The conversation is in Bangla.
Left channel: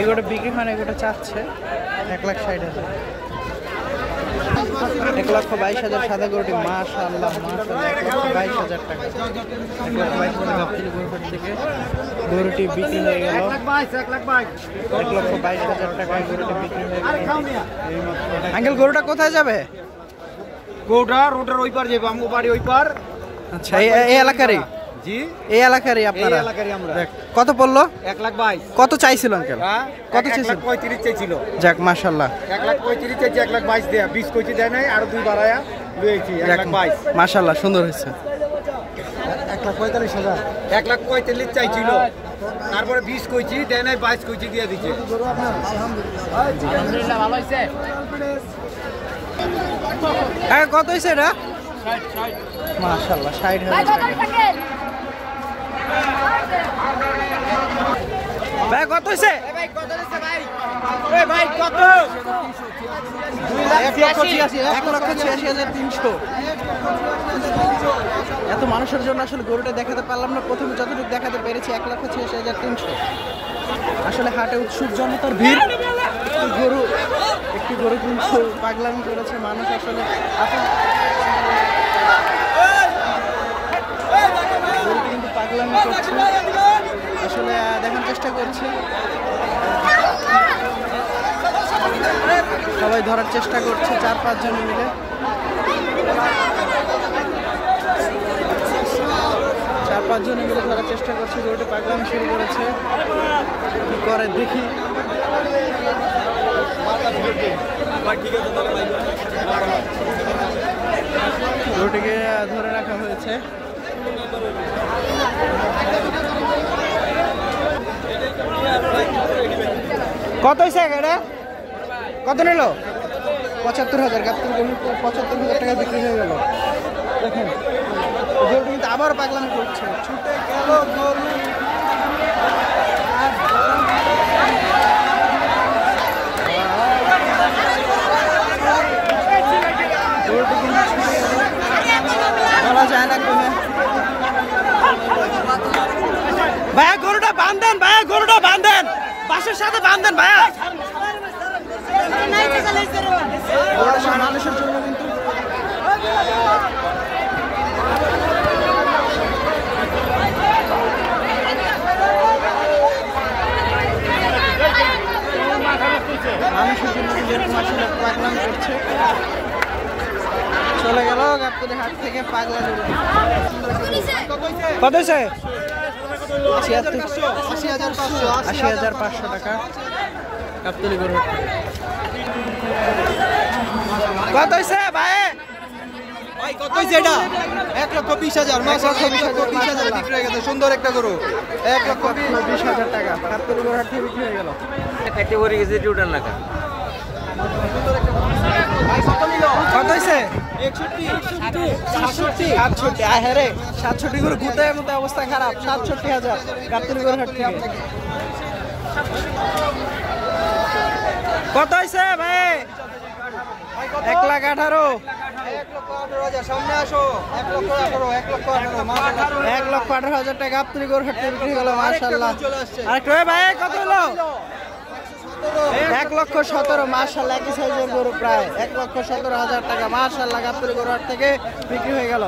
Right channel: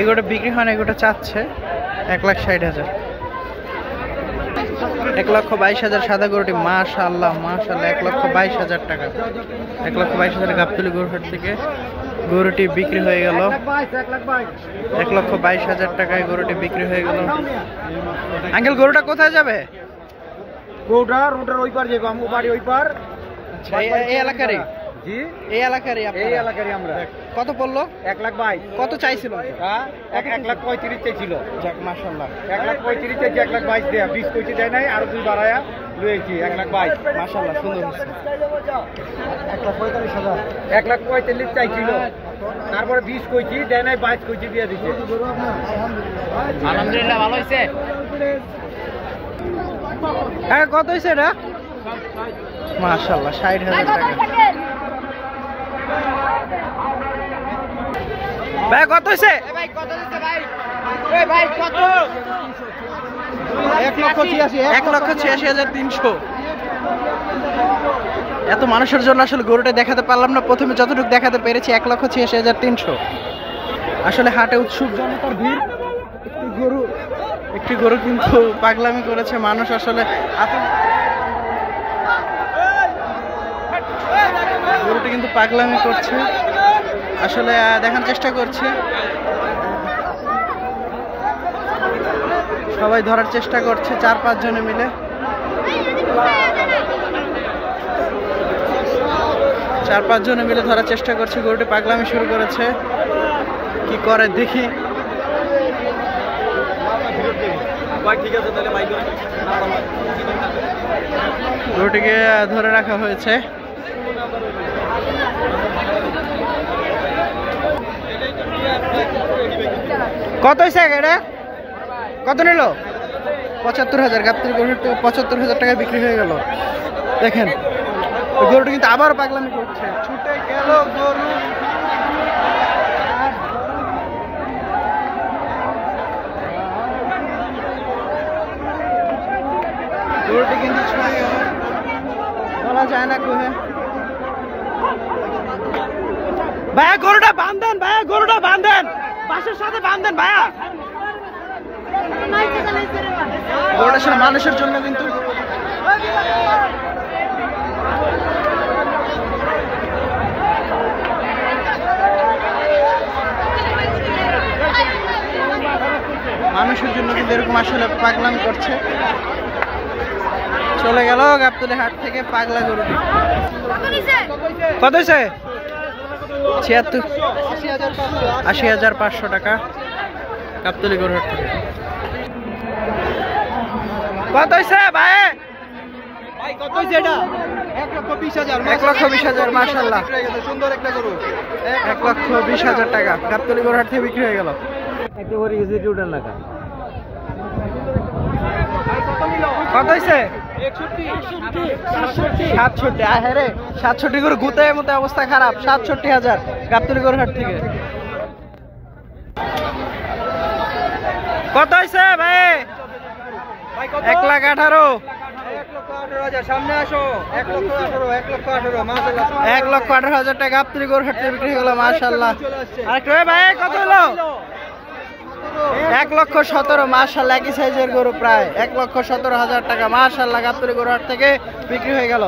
এগুলো বিক্রি হয় না, এগুলো চাচ্ছে 1,60,000, 1,22,000 সাদা গরুটি। মাশাআল্লাহ মাশাআল্লাহ, 1,22,000 টাকা, 1,22,000 গাবতলী গরুহাট থেকে গরুটি বিক্রি হয়ে গেল। 1,22,000 টাকায় গরুটি বিক্রি হয়ে গেল। আঙ্কেল গরুটা কোথায় যাবে? গরুটা রোডের ওই পার যাবে, আমগো বাড়ি ওই পার। আচ্ছা, এই এলাকারই? জি, এই এলাকারই আপনারা? এই এলাকারই আমরা। কত পড়লো? 1,22,000। কত চাইছিল আঙ্কেল? কত চাইছিল? 1,35,000 চাইছিল। যাক মাশাআল্লাহ, 1,35,000 চাইছে, 1,22,000 দেয়া, 20 কইতে দেয় নাই, আর 2 বাড়ায়া লইছি 1,22,000। মাশাআল্লাহ সুন্দর হয়েছে। 1,45,000, 1,45,000 চাইছিল, তারপরে 20 কইছি দেয় নাই, 22 কইছি দিয়ে দিছে। আলহামদুলিল্লাহ ভালো হইছে। হ্যাঁ, কত হইছে এটা? মাশাআল্লাহ 60,000 টাকা। ভাই কত হইছে? ভাই কত হইছে ভাই? এই ভাই কত? 1,86,300। এত মানুষের জন্য আসলে গরুটা দেখাতে পারলাম না, প্রথমে যতটুকু দেখাতে পেরেছি 1,86,300। আসলে হাটে উৎসুক জনতার ভিড়। একটি গরু কিন্তু পাগলামি করেছে, মানুষ আসলে গরুটি কিন্তু পাগলামি করছে, আসলে দেখার চেষ্টা করছে, সবাই ধরার চেষ্টা করছে 4-5 জনে মিলে। 4-5 জনে মিলে ধরার চেষ্টা করছে। গরুটি পাগলামি শুরু করেছে, কি করে দেখি। গরুটিকে ধরে রাখা হয়েছে। কত হয়েছে এটা? কত নিল? 75,000। গাবতলী গরু 75,000 টাকায় বিক্রি হয়ে গেল। দেখেন গরুটি কিন্তু আবার পাগলামি করছে, ছুটে গেল গরু। গরুটি কিন্তু ছুটে গেল, বলা যায় না কোনে। ভাইয়া গরুটা বাঁধেন, ভাইয়া গরুটা বাঁধেন, বাসের সাথে বাঁধেন ভাইয়া। গরুটা সব মানুষের জন্য কিন্তু। মানুষের জন্য কিন্তু এরকম আসলে পাগলামি করছে। চলে গেল গাবতলী হাট থেকে পাগলা গরুটি। কত হয়েছে? 80,500 টাকা গাবতলী গরুহাট থেকে। কত হয়েছে ভাই? 1,20,000। মাশাআল্লাহ সুন্দর একটা গরু। 1,20,000 টাকা গাবতলী গরুহাট থেকে বিক্রি হয়ে গেল। কত হয়েছে? 67। হ্যাঁ রে, 67 করে গুতে মতো অবস্থা খারাপ। 67,000 গাবতলী গরুহাট থেকে। কত হয়েছে ভাই? 1,18,000। সামনে আসো। 1,18,000 টাকা গাবতলী গরুহাট থেকে বিক্রি হয়ে গেল। মাশাআল্লাহ। আরেকটু ভাই কত হলো? 1,17,000। মাশাআল্লাহ, একই সাইজের গরু, প্রায় 1,17,000 টাকা। মাশাআল্লাহ, গাবতলী গরুহাট থেকে বিক্রি হয়ে গেল।